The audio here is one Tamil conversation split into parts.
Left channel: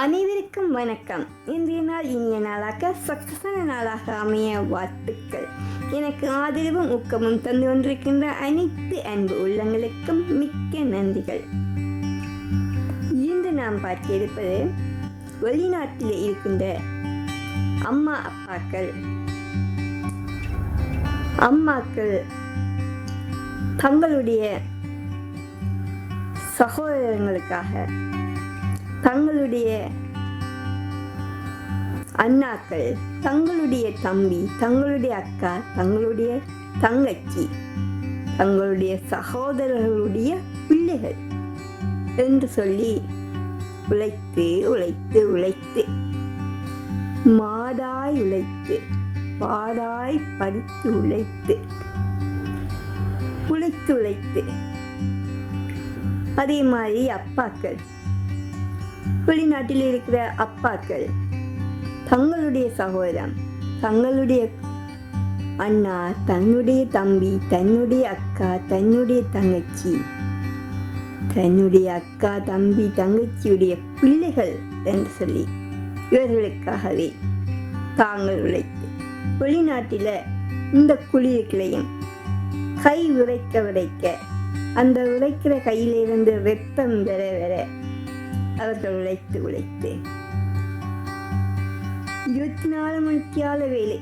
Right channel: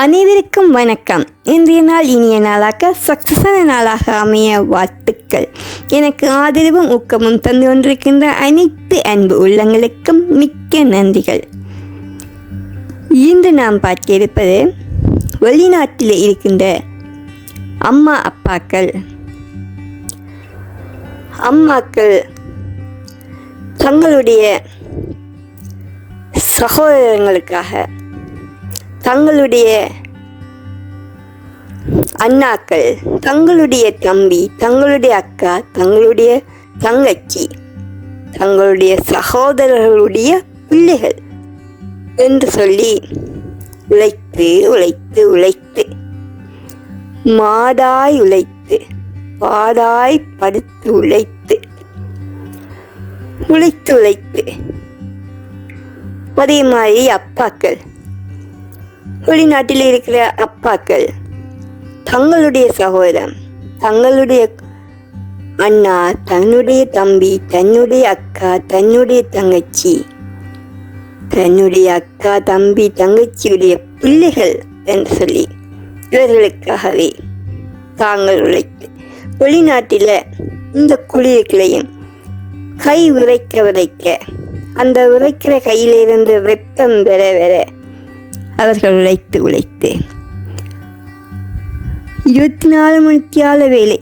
அனைவருக்கும் வணக்கம். இன்றைய நாள் இனிய நாளாக சக்சஸான நாளாக அமைய வாழ்த்துக்கள். எனக்கு ஆதரவும் ஊக்கமும் தந்து கொண்டிருக்கின்ற அனைத்து அன்பு உள்ளங்களுக்கும் மிக்க நன்றிகள். இன்று நாம் பார்க்க இருப்பது வெளிநாட்டில் இருக்கின்ற அம்மா அம்மாக்கள் தங்களுடைய சகோதரங்களுக்காக, தங்களுடைய அண்ணாக்கள், தங்களுடைய தம்பி, தங்களுடைய அக்கா, தங்களுடைய தங்கச்சி, தங்களுடைய சகோதரர்களுடைய பிள்ளைகள் என்று சொல்லி உழைத்து உழைத்து உழைத்து மாடாய் உழைத்து பாடாய் படுத்து உழைத்து உழைத்து உழைத்து அதே மாதிரி அப்பாக்கள், வெளிநாட்டில் இருக்கிற அப்பாக்கள் தங்களுடைய சகோதரன், தங்களுடைய அண்ணா, தன்னுடைய தம்பி, தன்னுடைய அக்கா, தன்னுடைய தங்கச்சி, தன்னுடைய அக்கா, தம்பி, தங்கச்சியுடைய பிள்ளைகள் என்று சொல்லி இவர்களுக்காகவே தாங்கள் உழைத்து வெளிநாட்டில் இந்த குளிர்களையும் கை உரைக்க அந்த உரைக்கிற கையிலிருந்து வெப்பம் பெற அவர்கள் உழைத்து 24 மணிக்கால வேலை,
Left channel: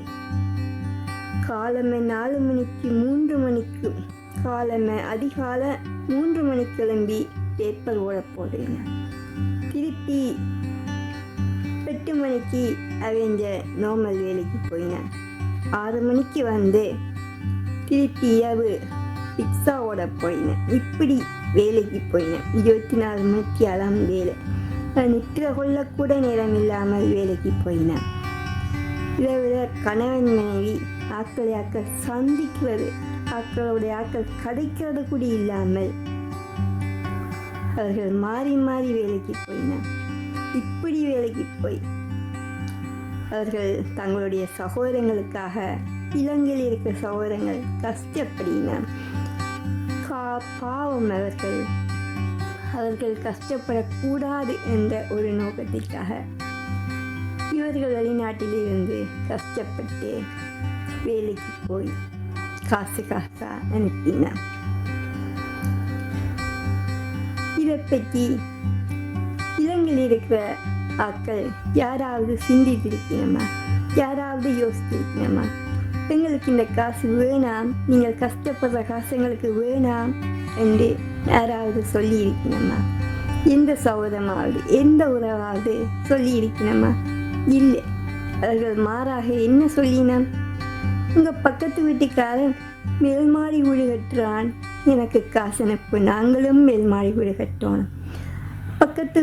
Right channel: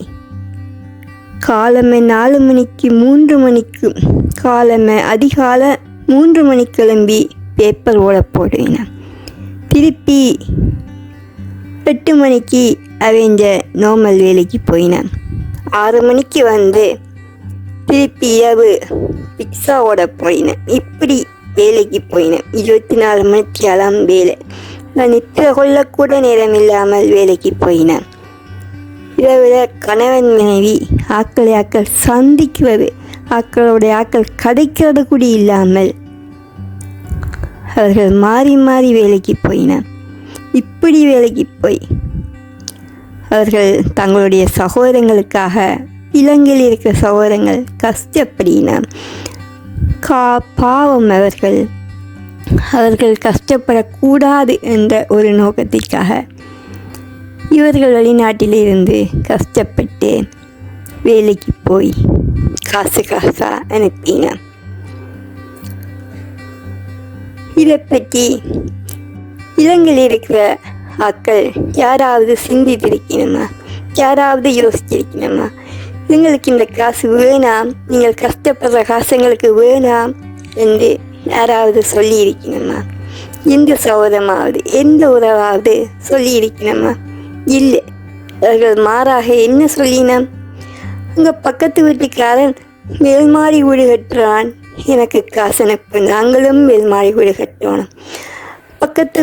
காலமே 4 மணிக்கு 3 மணிக்கு, காலமே அதிகால 3 மணிக்கு கிளம்பி பேப்பர் ஓட போடுவேன். திருப்பி 8 மணிக்கு அவங்க நார்மல் வேலைக்கு போயினேன். 6 மணிக்கு வந்து திருப்பி இரவு பிக்ஸா ஓட போயினேன். இப்படி வேலைக்கு போயினேன். 24 மணிக்காலாம் வேலை. நான் நித்திர கொள்ளக்கூட நேரம் இல்லாமல் வேலைக்கு போயினேன். இரவில் கணவன் மனைவி ஆக்கள் சந்திக்கிறது, ஆக்கள் கதைக்கிறது கூட இல்லாமல் அவர்கள் மாறி மாறி வேலைக்கு போயினேன். இப்படி வேலைக்கு போய் அவர்கள் தங்களுடைய சகோதரங்களுக்காக, இலங்கையில் இருக்கிற சகோதரங்கள் கஷ்டப்படின பாவம், அவர்கள் கஷ்டப்படக்கூடாது என்ற ஒரு நோக்கத்திற்காக இவர்கள் வெளிநாட்டிலிருந்து கஷ்டப்பட்டு வேலைக்கு போய் காசா அனுப்பின. இதை பற்றி இலங்கையில் இருக்கிற ஆக்கள் யாராவது சிந்தித்திருக்கணுமா? யாராவது யோசிச்சிருக்கணுமா? எங்களுக்கு இந்த காசு வேணாம், நீங்கள் கஷ்டப்படுற காசு எங்களுக்கு வேணாம் என்று யாராவது சொல்லி இருக்கணுமா? எந்த சகோதரமாவது, எந்த உறவாவது சொல்லி இருக்கணுமா? இல்லை. அவர்கள் மாறாக என்ன சொல்லினோம்? உங்கள் பக்கத்து வீட்டுக்காரன் மேல்மாடி வீடு கட்டுறான், எனக்கு காசு அனுப்பு, நாங்களும் மேல்மாடி வீடு கட்டணும். பக்கத்து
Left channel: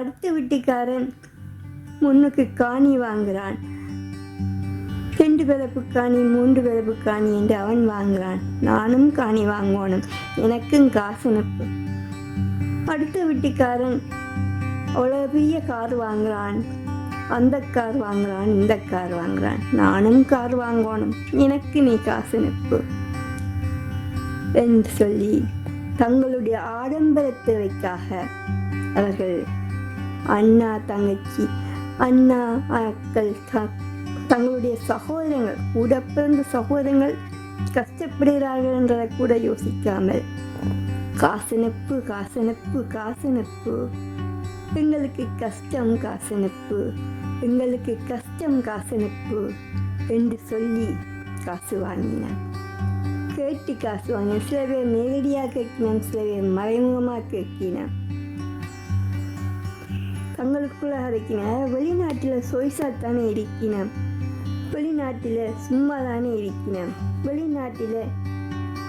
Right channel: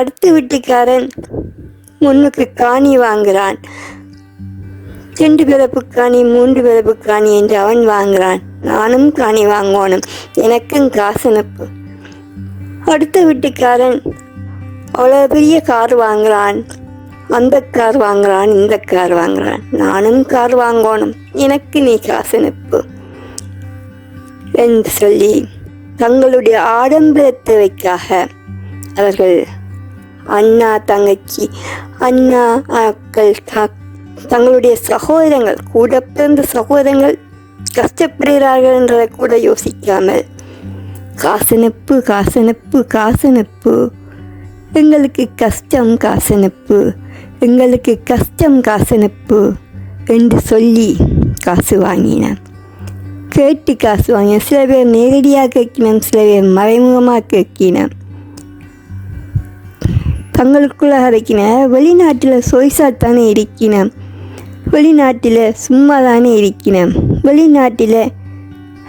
அடுத்த வீட்டுக்காரன் முன்னுக்கு காணி வாங்குறான், 2 பிறப்பு காணி 3 பிறப்பு காணி என்று அவன் வாங்குறான், நானும் காணி வாங்கணும், எனக்கும் காசு அனுப்பு. அடுத்த வீட்டுக்காரன் அவ்வளோ பெரிய கார் வாங்குறான், அந்த கார் வாங்குறான், இந்த கார் வாங்குறான், நானும் கார் வாங்கணும், எனக்கு நீ காசு அனுப்பு என்று சொல்லி தங்களுடைய ஆடம்பர தேவைக்காக அவர்கள் அண்ணா, தங்கச்சி, அண்ணா அக்கள், தங்களுடைய சகோதரங்கள், கூட பிறந்த சகோதரங்கள் கஷ்டப்படுகிறார்கள் என்றதை கூட யோசிக்காமல் காசனுப்பு காசனுப்பு காசனுப்பு, எங்களுக்கு கஷ்டம் காசனுப்பு, எங்களுக்கு கஷ்டம் காசனுப்பு என்று சொல்லி காசு வாங்கினேன். கேட்டு காசு வாங்கினேன். சில பேர் நேரடியாக கேட்கினோம், சில பேர் மறைமுகமாக கேட்கினோம். தங்களுக்குள்ள அரைக்கின வெளிநாட்டில் சொய்சாத்தானே இருக்கிறேன், வெளிநாட்டில் சும்மா தானே இருக்கிறேன், வெளிநாட்டில்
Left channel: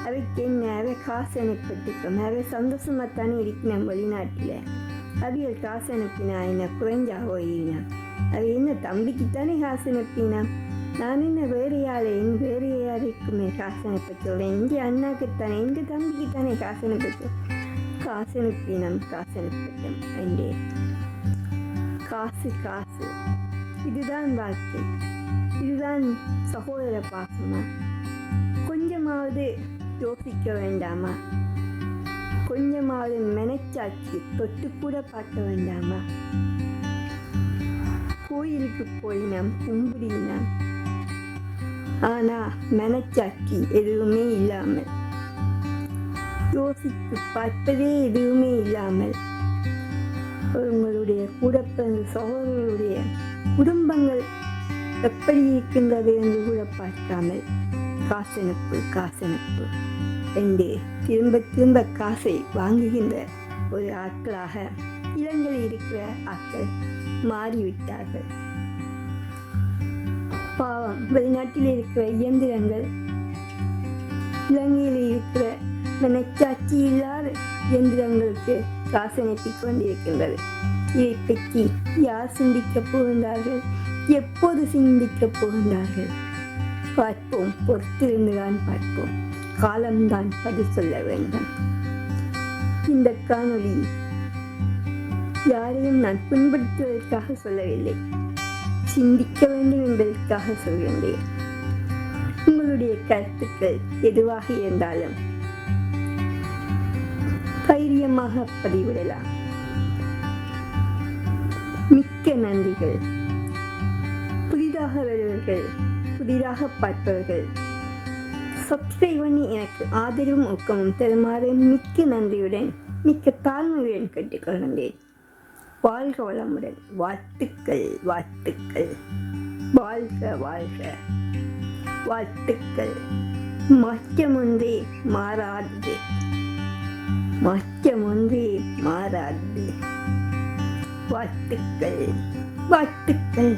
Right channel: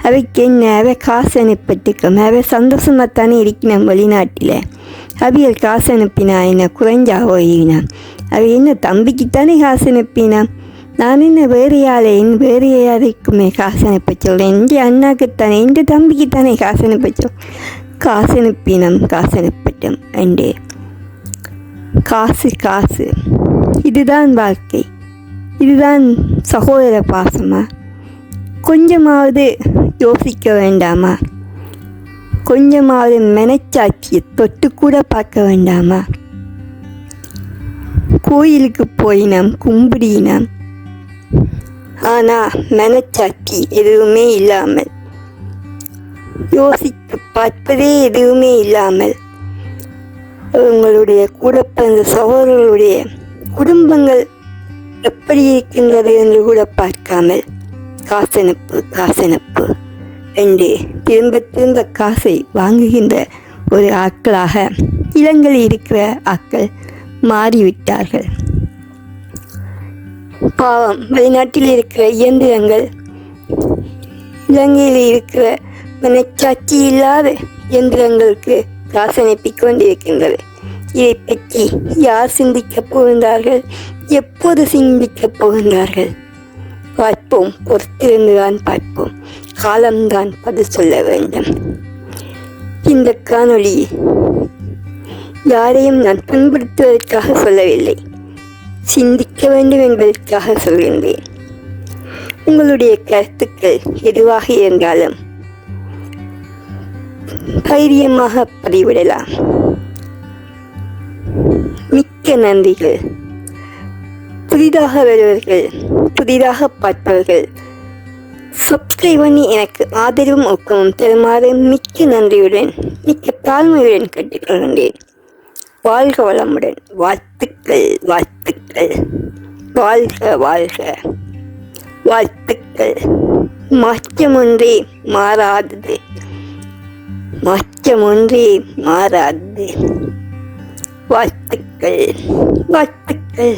அவைக்கு என்ன, அவை காசு அனுப்பிட்டுக்கும், அவை சந்தோஷமாகத்தானே இருக்கிறேன். வெளிநாட்டில் அவைகள் காசு அனுப்பினா என்ன குறைஞ்சா போயினான்? அவை என்ன தம்பிக்குத்தானே காசு அனுப்பினான்? நான் என்ன வேறு யாருக்குமே காசு அனுப்ப சொல்கிறேன்? எந்த அண்ணாக்குத்தானே, எந்த தம்பிக்குத்தானே காசு அனுப்ப சொல். காசு அனுப்பினோம், காசு அனுப்பட்டும் அண்டு காசு. இதுதான் வாழ்க்கை, இதுதான் சகோதர பாசமா? கொஞ்சமாவது யோசிக்க வேண்டாமா? கொஞ்சமாவது மனச்சாட்சியை தொட்டு கூட பார்க்க வேண்டாமா? கோயிலுக்கு போயினோம், கும்பிடினோம். ஆனால் மனச்சாட்சி எதுவுமே இல்லாமல், யோசித்து பார்ப்பதே எதுவுமே இல்லாமல், உங்களுடைய கூட பிறந்த சகோதரர்களுடைய குடும்பங்கள் எப்படி இருக்கின்றது என்று கூட பார்க்காமல் காசனப்பு என்று திரும்ப திரும்ப காசை வாங்குகின்ற ஒரு ஆட்களாக இலங்கையில் இருக்கிற ஆட்கள் மாறிவிட்டார்கள். பாவம், வெளிநாட்டில் இருக்கிற இயந்திரங்கள் இலங்கையில் இருக்கிற மனச்சாட்சி இல்லாத இயந்திரங்களுக்கு காசு அனுப்பிக் கொண்டிருக்கின்றது. இதை பற்றி யார் சிந்திக்கப் போகின்றார்கள்? எப்போது சிந்திக்கப் போகின்றார்கள்? பார்ப்போம், பொறுத்திருந்துதான் பார்ப்போம். காலம்தான் பதில் சொல்ல வேண்டும். இந்த காணொளி யாரையும் நான் புண்படுத்துவதற்காக சொல்லவில்லை, சிந்திக்க வேண்டும் என்பதற்காக சொல்கின்றேன். உங்களுடைய கருத்துக்கள் எதுவாக இருந்தாலும் தைரியமாக பதிவிடலாம். மிக்க நன்றிகள். புதிதாக வருவர்கள், புதிதாக பார்ப்பவர்கள் சப்ஸ்கிரைப் பண்ணி எனக்கு ஆதரவும் ஊக்கமும் தருமாறு மிக்க நன்றியுடன், மிக்க தாழ்மையுடன் கேட்டுக்கொள்கின்றேன். வாழ்க வளமுடன். வாழ்த்துக்கள், வாழ்த்துக்கள். வாழ்க வாழ்க. வாழ்த்துக்கள். மாற்றம் ஒன்றே மாறாதது, மாற்றம் ஒன்றே மாறாதது. வாழ்த்துக்கள், வாழ்த்துக்கள்.